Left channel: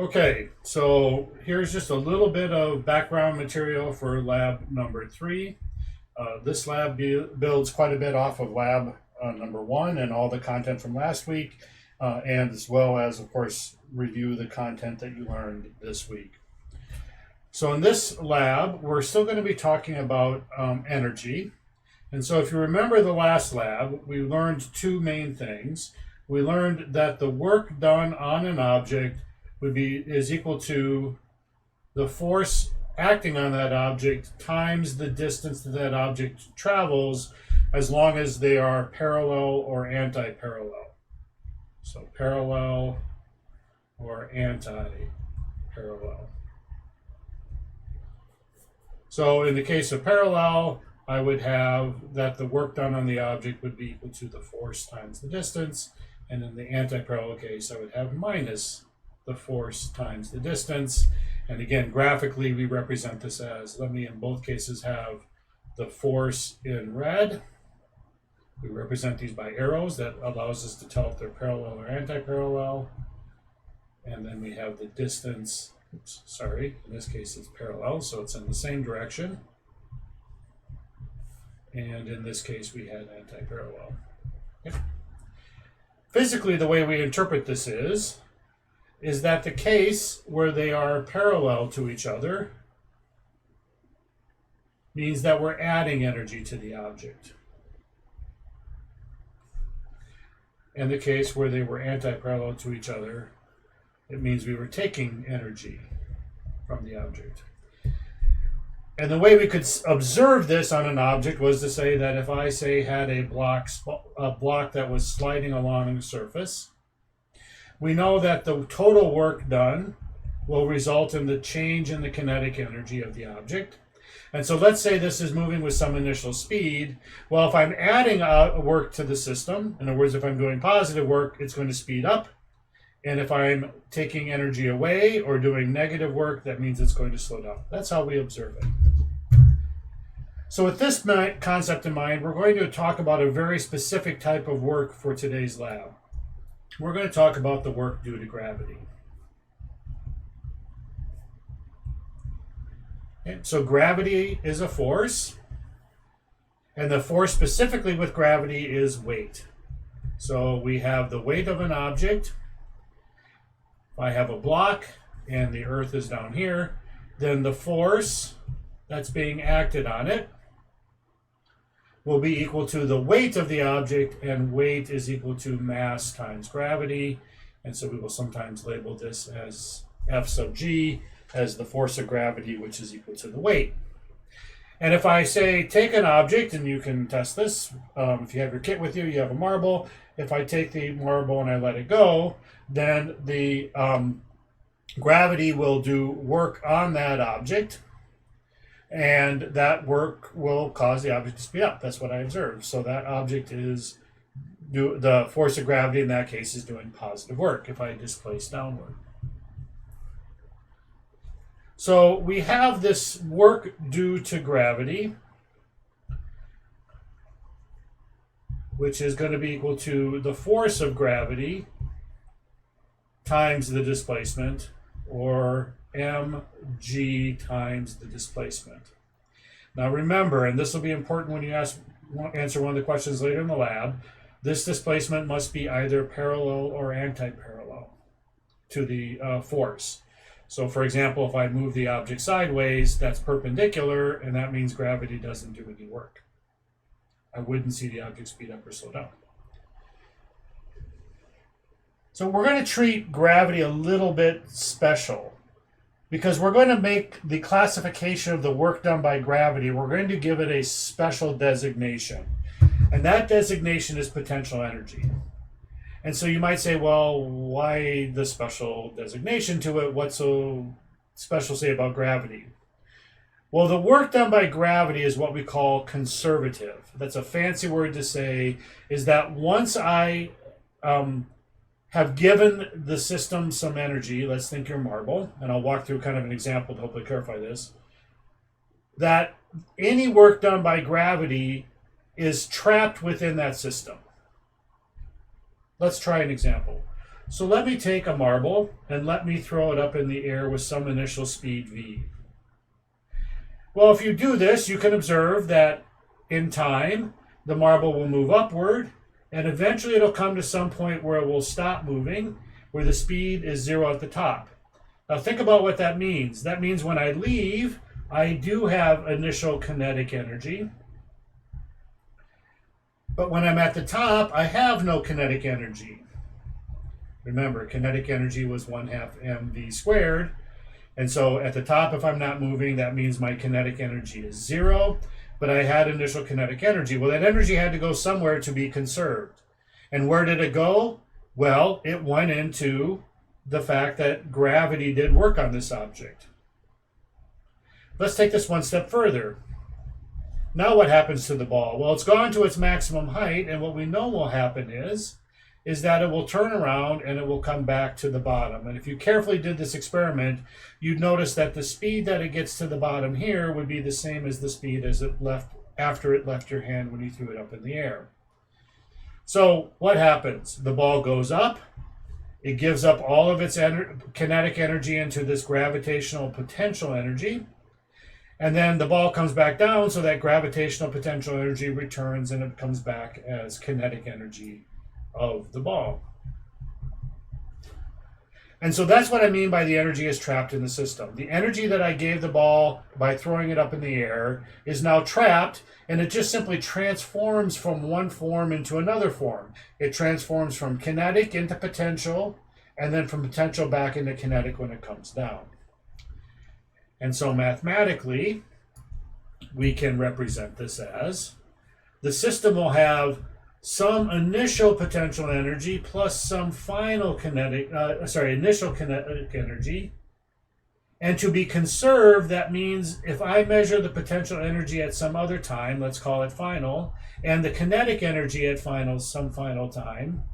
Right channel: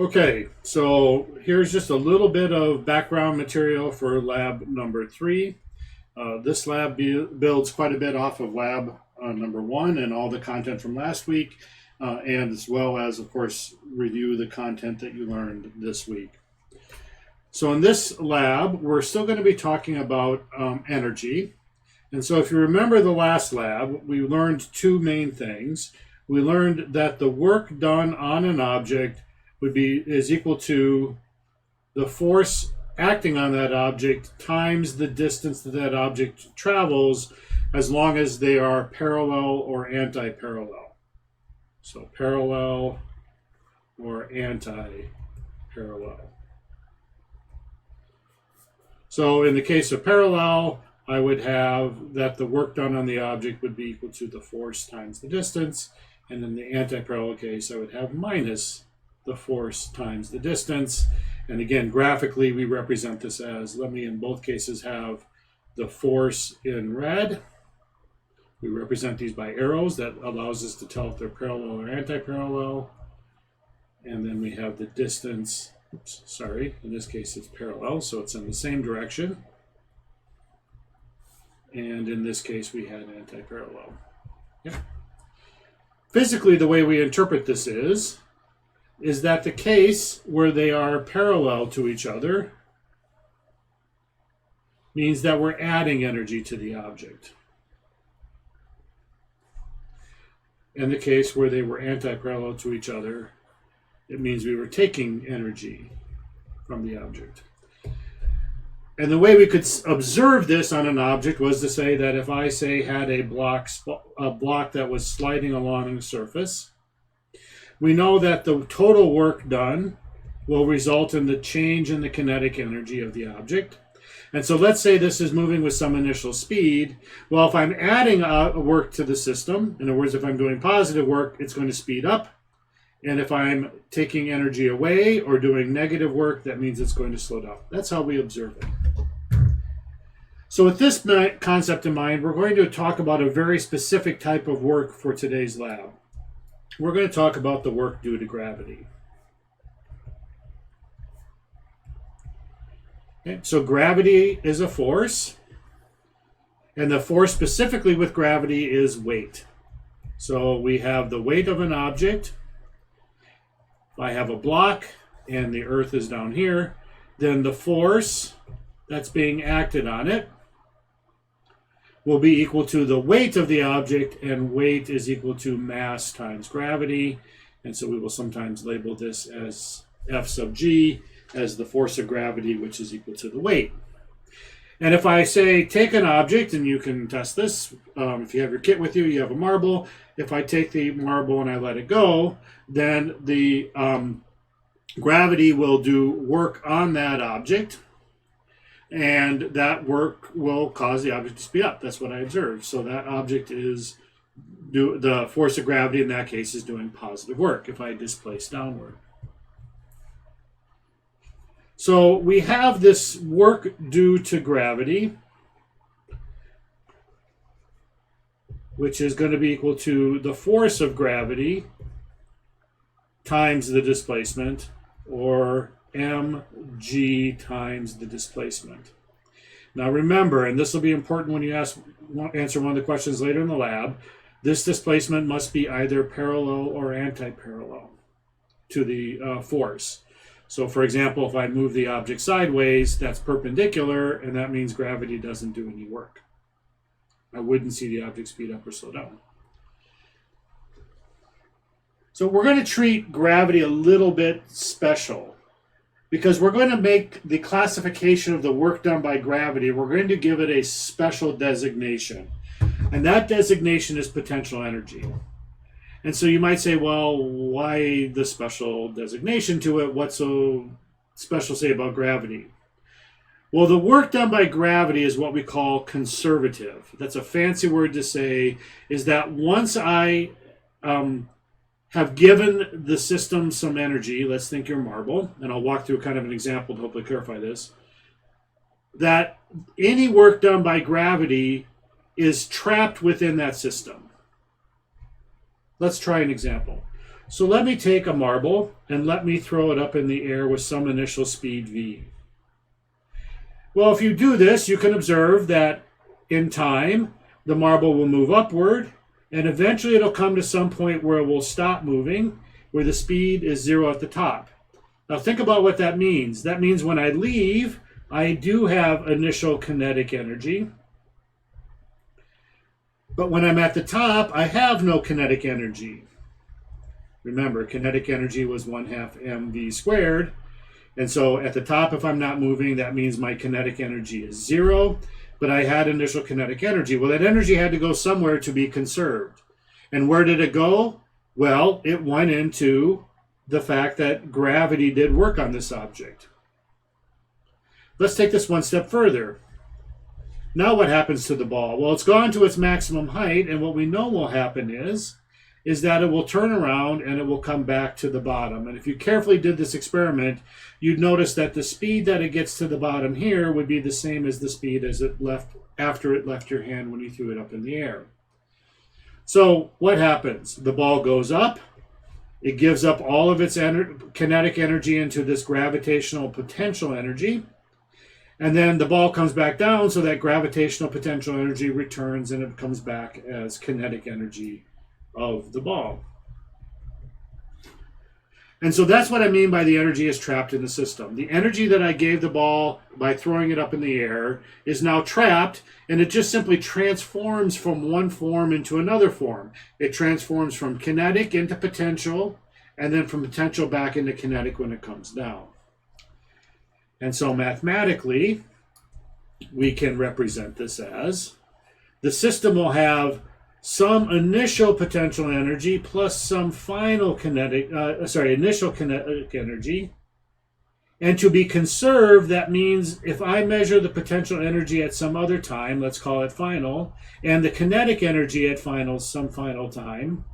Okay, so here's just a little bit of background material for lab number 3. This lab builds quite a bit off of lab number 1 and all the content from last week, and as well as, of course, review the content that you learned this week. So in this lab, we're still going to be talking about energy. And so if you remember the last lab, we learned two main things. We learned that the work done on an object is equal to the force acting on that object times the distance that that object travels, as long as they are parallel or anti-parallel. So parallel or anti-parallel. So in the case of parallel, I would have that the work done on the object would be equal to the force times the distance. And in the anti-parallel case, I would have minus the force times the distance. And again, graphically, we represent this as, let me in both cases have the force in red. We represent these by arrows. That allows us to tell if they're parallel or anti-parallel. And then we have the distance. Oops, sorry, in this case it's parallel, so it's in the same direction. And in this case we had anti-parallel. Yep. Physically, the way we interpret this is that the case where they are parallel to each other means that we're adding energy to the object. And the case where they were anti-parallel to each other, it means we were taking energy from the object. And the way we could observe this on an object was to say that if I had a block that was sliding along the surface, we know that the total work done will result in the change in the kinetic energy of the object. And so let's say this is moving with some initial speed. Well, if I'm adding work to the system, in other words, if I'm doing positive work, it's going to speed up. And if I'm taking energy away or doing negative work, that means it's going to slow down. That's how we observe it. So with this concept in mind, we're going to talk about a very specific type of work for today's lab. We're going to talk about the work due to gravity. Okay, so gravity is a force, and the force specifically with gravity is weight. So we have the weight of an object. If I have a block and the earth is down here, then the force that's being acted on it will be equal to the weight of the object, and weight is equal to mass times gravity. And so we will sometimes label this as F sub g as the force of gravity, which is equal to the weight. And if I say take an object, and you can test this, if you have your kit with you, you have a marble. If I take the marble and I let it go, then the gravity will do work on that object, and that work will cause the object to speed up. That's what I observed. So that object is, the force of gravity in that case is doing positive work if I displace downward. So we have this work due to gravity, which is going to be equal to the force of gravity times the displacement, or mg times the displacement. Now remember, and this will be important when you answer one of the questions later in the lab, this displacement must be either parallel or anti-parallel to the force. So for example, if I move the object sideways, that's perpendicular, and that means gravity doesn't do any work. I wouldn't see the object speed up or slow down. So we're going to treat gravity a little bit special, because we're going to make the classification of the work done by gravity, we're going to give it a special designation. And that designation is potential energy. And so you might say, well, why the special designation to it? What's so special, say, about gravity? Well, the work done by gravity is what we call conservative. That's a fancy word to say is that once I have given the system some energy, let's think your marble, and I'll walk through kind of an example to hopefully clarify this, that any work done by gravity is trapped within that system. Let's try an example. So let me take a marble and let me throw it up in the air with some initial speed v. Well, if you do this, you can observe that in time, the marble will move upward, and eventually it'll come to some point where it will stop moving, where the speed is 0 at the top. Now think about what that means. That means when I leave, I do have initial kinetic energy. But when I'm at the top, I have no kinetic energy. Remember, kinetic energy was 1/2 mv squared. And so at the top, if I'm not moving, that means my kinetic energy is 0. But I had initial kinetic energy. Well, that energy had to go somewhere to be conserved. And where did it go? Well, it went into the fact that gravity did work on this object. Let's take this one step further. Now what happens to the ball? Well, it's gone to its maximum height, and what we know will happen is that it will turn around and it will come back to the bottom. And if you carefully did this experiment, you'd notice that the speed that it gets to the bottom here would be the same as the speed as it left after it left your hand when you threw it up in the air. So what happens? The ball goes up, it gives up all of its kinetic energy into this gravitational potential energy, and then the ball comes back down, so that gravitational potential energy returns and it comes back as kinetic energy of the ball. And so that's what I mean by the energy is trapped in the system. The energy that I gave the ball by throwing it up in the air is now trapped, and it just simply transforms from one form into another form. It transforms from kinetic into potential, and then from potential back into kinetic when it comes down. And so mathematically, we can represent this as the system will have some initial potential energy plus some final initial kinetic energy. And to be conserved, that means if I measure the potential energy at some other time, let's call it final, and the kinetic energy at some final time,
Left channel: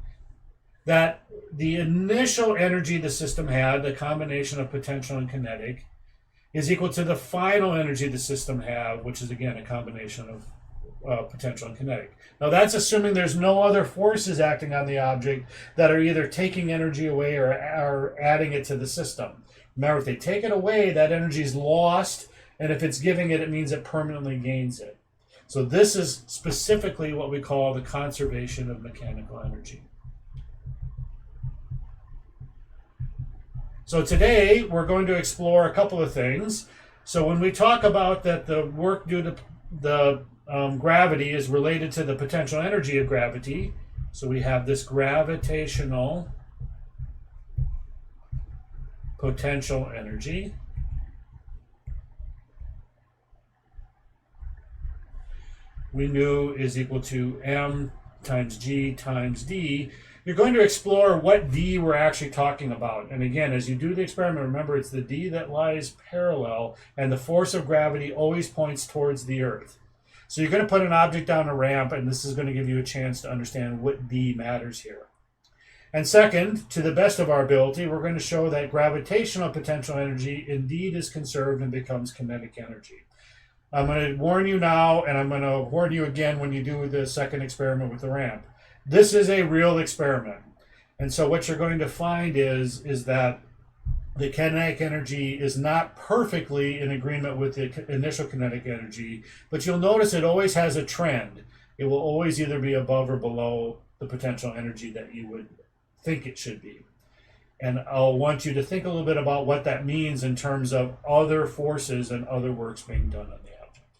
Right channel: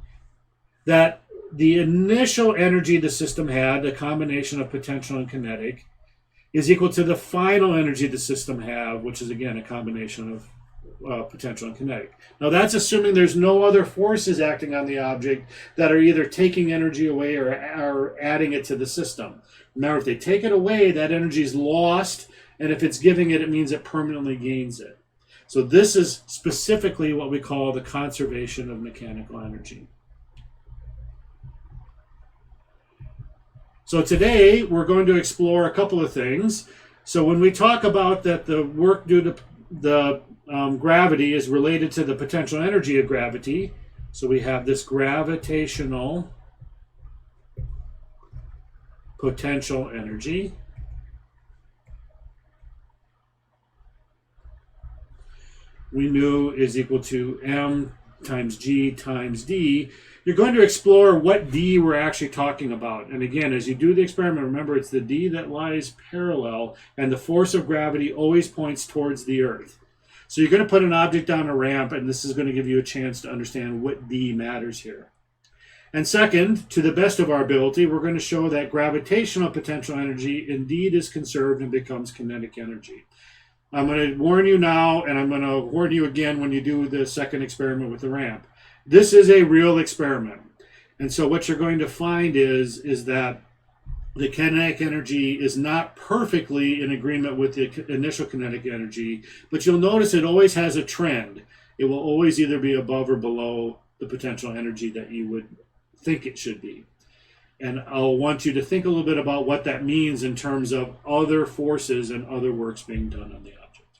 that the initial energy the system had, the combination of potential and kinetic, is equal to the final energy the system had, which is again a combination of potential and kinetic. Now that's assuming there's no other forces acting on the object that are either taking energy away or adding it to the system. Remember, if they take it away, that energy is lost, and if it's giving it, it means it permanently gains it. So this is specifically what we call the conservation of mechanical energy. So today we're going to explore a couple of things. So when we talk about that the work due to the gravity is related to the potential energy of gravity, so we have this gravitational potential energy. We knew is equal to m times g times d. You're going to explore what d we're actually talking about. And again, as you do the experiment, remember it's the d that lies parallel, and the force of gravity always points towards the Earth. So you're going to put an object down a ramp, and this is going to give you a chance to understand what d matters here. And second, to the best of our ability, we're going to show that gravitational potential energy indeed is conserved and becomes kinetic energy. I'm going to warn you now, and I'm going to warn you again when you do the second experiment with the ramp. This is a real experiment. And so what you're going to find is that the kinetic energy is not perfectly in agreement with the initial kinetic energy, but you'll notice it always has a trend. It will always either be above or below the potential energy that you would think it should be. And I'll want you to think a little bit about what that means in terms of other forces and other works being done on the object.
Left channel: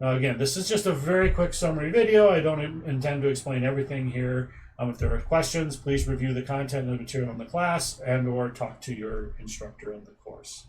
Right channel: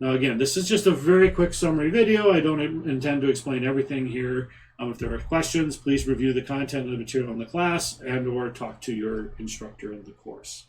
Now again, this is just a very quick summary video. I don't intend to explain everything here. If there are questions, please review the content of the material in the class and or talk to your instructor in the course.